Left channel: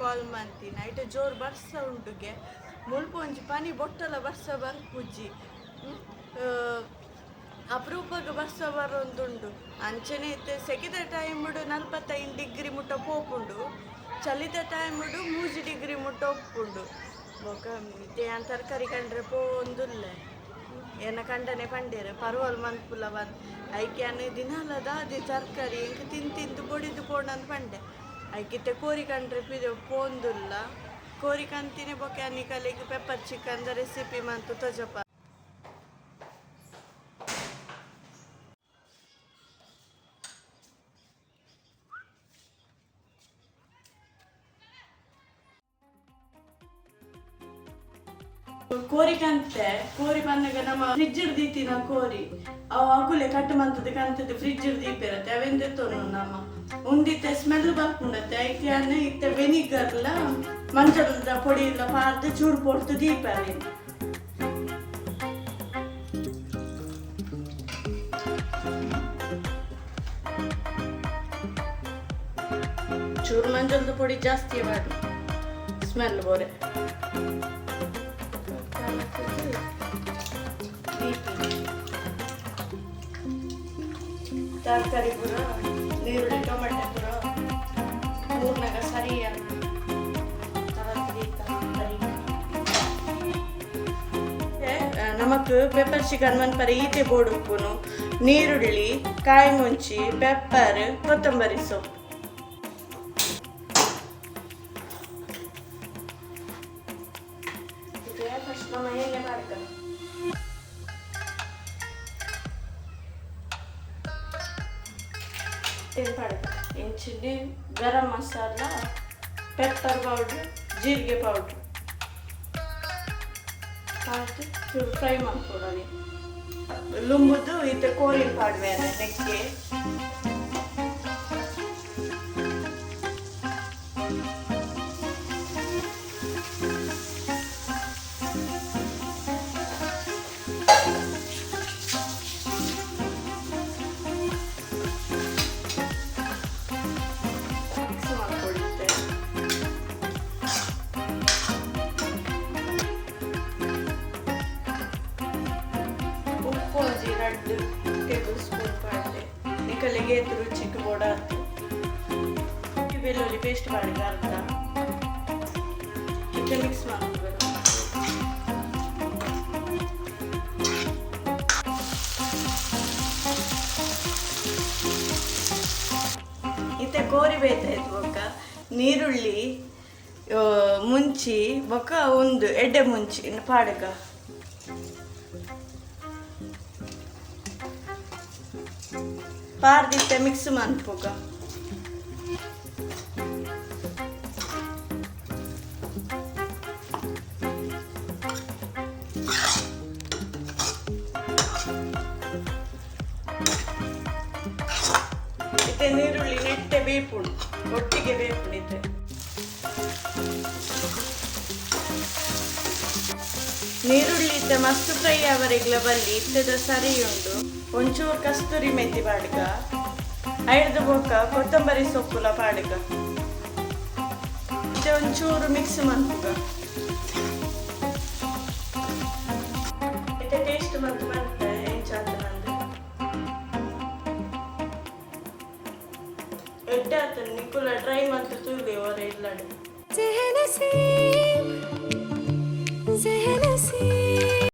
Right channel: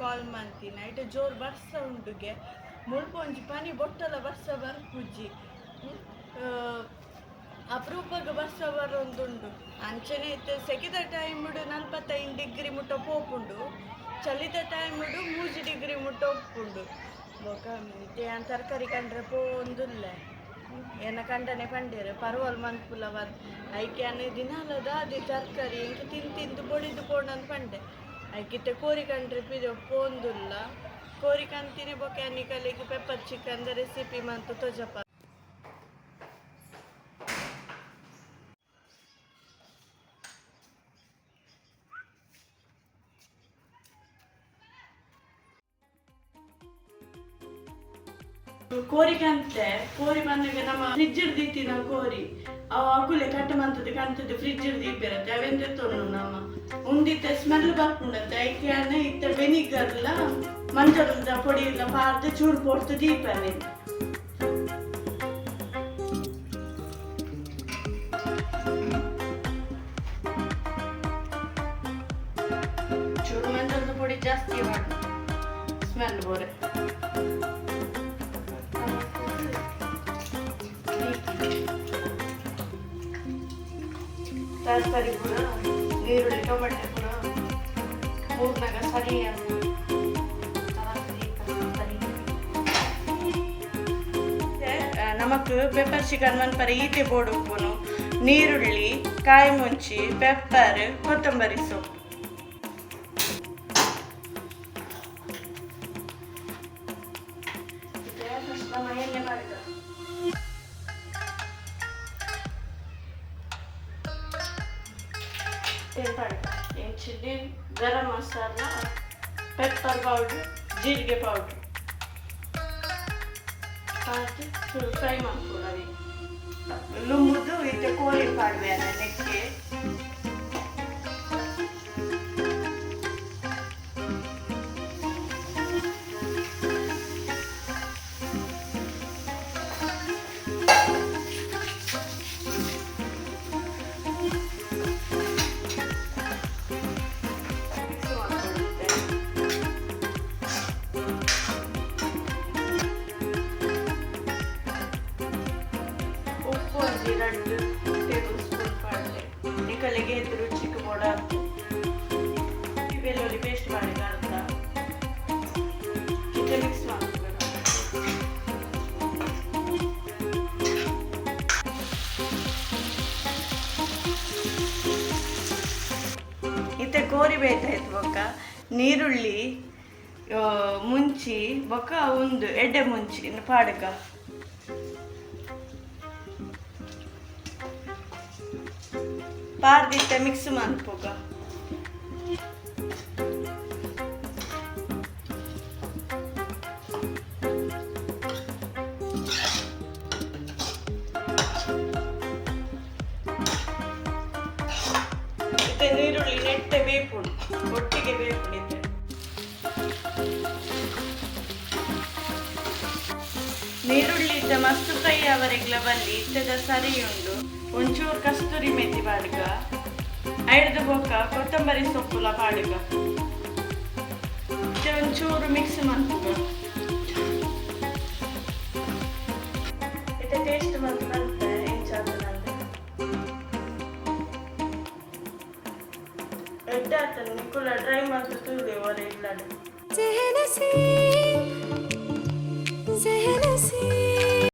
ಕಾಲ್ ಮಾಡ್ತೀನಿ ಐಟ ಜೋರು ಬರ್ಸ ಉಂಟುಗೆ ಮುಲ್ಪ ಒಂಜಿ ಪನಿ ಬೊಟ್ಟಲ ಬರ್ಸ ಬರ್ಪುಜ್ಜಿ ಅಪರೂಪಕ್ಕೆ ಬರ್ಸ ಬರೊಂದುಂಡು ಅಂಚನೆ ಇತ್ತೆ ಸೆಕೆದ ಟೈಮುಡು 45 ಡಿಗ್ರಿ ಮುಟ್ಟ ಪೋಪುಂಡು ಚಲಿದ ಟೈಮುಡು 3 ಡಿಗ್ರಿ ಮುಟ್ಟ ಒಪ್ಪುಂಡು ಬೊಕ ಏನ್ ತರಕಾರಿ ಕಂಡ್ರೆ ಪೋಂದುಲ್ಲ ಏನ ಕಂಡನೆ ಪಂಡೇರು ಪರ್ವಲ್ ಮನ್ಪುಲ ಐಕ್ಯಾನ ದಿನಾಲದ ಅದೇ ತರಕಾರಿ ಎಂಕ ತಿಂದು ಬೊಡಿದು ಪೋಂಡಂದು ಪಂಡೆ ಐಕಿತ್ತೆ ಕೋರಿ ಕಂಡ್ರೆ ಪೋಂದುಲ್ಲ ಕೋರಿ ಕಂತಿನಿ ಬೊಕ ಅನ್ನಿಕಲಿಗೆ ಪೆಪ್ಪರ್ ಚಿಕನ್ ರೆಸಿಪಿ ಮಂತು ತೊಜಪ ಕೋರಿ ಕಂತೆ ಕೋರಿ ಬಂದಾಗ ನಮ್ಮ ಫ್ರಿಜ್ ದೀತಿನ ಕೋರಿ ಅವು ಅಗುಲೆ ಕಟ್ಟು ಮಂತದ ಕಂತದ್ದು ಫ್ರಿಜ್ ದೀಪಿರತ್ತೆ ಅವೆಂದ ತೊಂದು ನಮ್ಮ ಉಂದಿತ್ತ ಸ್ಮೆಲ್ ಬರ್ಕೊಂಡತ್ತೆ ಐಕ್ಯಾನ ಇತ್ತ ವೆನಿಗರ್ಲ ಮಂಜದ ಪೊಡಿ ಇಲ್ಲ ಪಾರ್ದು ಚೂರು ಪೊಡ್ತು ದೀಪನೆ ಚೂರು ಮಂಜದ ಪೊಡಿ ಜಾಸ್ತಿ ಮಾಡಿ ಸ್ಮೆಲ್ ಬೋರೆ ತರಕಾರಿ ಕೂಡ ನೀರುಳ್ಳಿ ಟೊಮೆಟೊ ಕೂಡ ಮೂರ್ನಾಗ ಸರಿಯಾಗಿ ನಮಕ್ ಪೆಪ್ಪರ್ ಚಿಕನ್ ಮನ್ಪರ ಈತೆ ಬೋರ್ಡ್ ಉಪ್ಪುನು ನೀರುಳ್ಳಿ ಕಾಯಿ ಮುಂಚಿ ಪೆಪ್ಪರ್ ಕೊತ್ತಂಬರಿ ಸೊಪ್ಪು ಫಸ್ಟ್ ನಮ್ಮ ಎಣ್ಣೆ ಮಾಡಿದ chilli garam masala pepper powder ಜೀರಿಗೆ ಪೌಡ್ರ್ ಹಾಕಿ ಫುಲ್ ಫ್ರೈ ಮಾಡ್ಕೊಡೋಣ ಲುಂಬುದು ಇತ್ತೆ ಕೋಳಿ ಪಾಡ್ವೆ ಅಲ್ಲ ನೆಕ್ಕೆ ಉಪ್ಪು 2 ಟೇಬಲ್ ಸ್ಪೂನ್ ಪಾಡ್ಲೆ ಈ ಕಲೆಗೆ ರುಚಿಗೆ ಬೋಡಾತು ಬೆಳ್ಳುಳ್ಳಿ ಪೇಸ್ಟ್ ಮಾಡಿದ ಅರ್ಧ ಇದು ಮಿಕ್ಸ್ ಮಾಡ್ತೀವಿ ಇತ್ತೆ ಕೋರಿ ಬೇಯ್ತಾಯ್ತು ಬೊಕ್ಕ ನೀರುಳ್ಳಿ ಮುಂಚಿ ಬೊಕ್ಕ ಒಂದು ಎಡ್ಡೆ ಮುಂಚಿ ಇನ್ನು ಪಾಡಕ ಪಾರ್ದಿತ್ತೆ ಮಿಕ್ಸ್ ಮಾಡ್ಪೋಗ ಇತ್ತೆ ನೀರುಳ್ಳಿ ನೆಟ್ಟೆ ಬೇಪುಂಡು ಒಟ್ಟಿಗೆ ಬೇಪುಂಡಿತ್ತೆ ನೀರುಳ್ಳಿ ಇತ್ತೆ ಮಸ್ತ್ ಫ್ರೈ ಅವರೆಗ್ಲ ಬಲ್ಲಿ ಇತ್ತೆದ ಸರಿ ಉಂಡು ಒಂಚೂರು ಕಸ್ತೂರಿ ಮೆಥಿ ಪಾಡ್ಗ ಐದು ಬೊಕ್ಕ ಕೊತ್ತಂಬರಿ ಸೊಪ್ಪುಲ ಪಾಡ್ಗ ಇದು ಒಂಚೂರು ಮಿಕ್ಸ್ ಮಾಡ್ಗ ಇದು ಟೇಸ್ಟ್ ಬಂತು ಬರುತ್ತೆ ಹೆಂಚಾತನಂದ್ರೆ ಎಡ್ಡಾತನ ನಿಕುಲ ಡ್ರೈ ಮಂತು ತುಳಿ ಅವರ ಇಲ್ಲಡು